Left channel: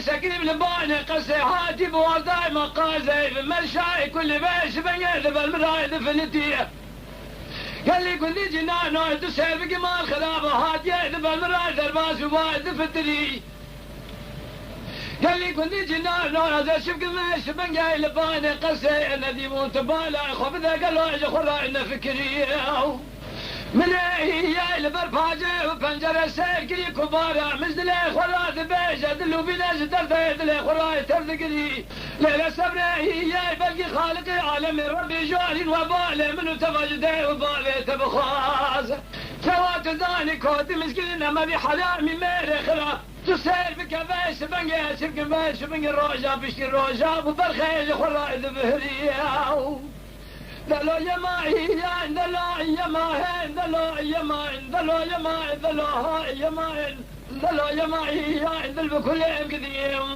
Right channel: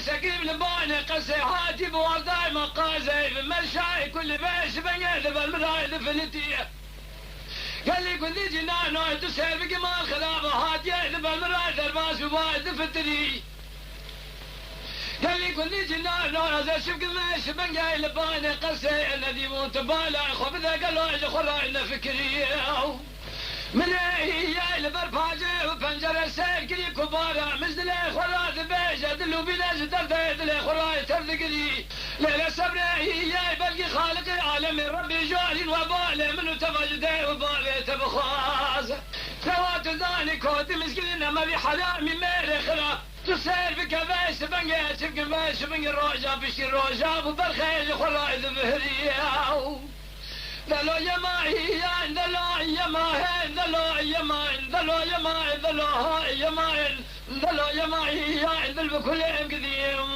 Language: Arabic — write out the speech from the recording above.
سقيم لباني قصي حاتب وضاي مقازي في المشاي كل باش بيذب المرايد في الاتيه قال لي كل جنانه تسابق ما خلابه هات يذب المرايد الباس وايد في التري قال لي كل جنانه هذا شفت ماش بنجاي لباني قصي الذي يموت بالا خبذا قالوا خراينا فكريه من هي البرفاجة وبنجر السيف كبارة مثل خراج بيجة دلو بناز تردد لي خراج تردقلي ليلة صبري هي بلقي خالق عالم ربي جاري وبالي منو تفجدي وبالي تبخاز سوات ذاني كود مسكين ما في حرامي ميري خلا تصير في كباش بنجي شبك باش بنجي روجا بشي روجا وبالخير خراج بهريه دلو يما هي دلو يما هي دلو يما دلو يما دلو يما دلو يما هي دلو بكل قديم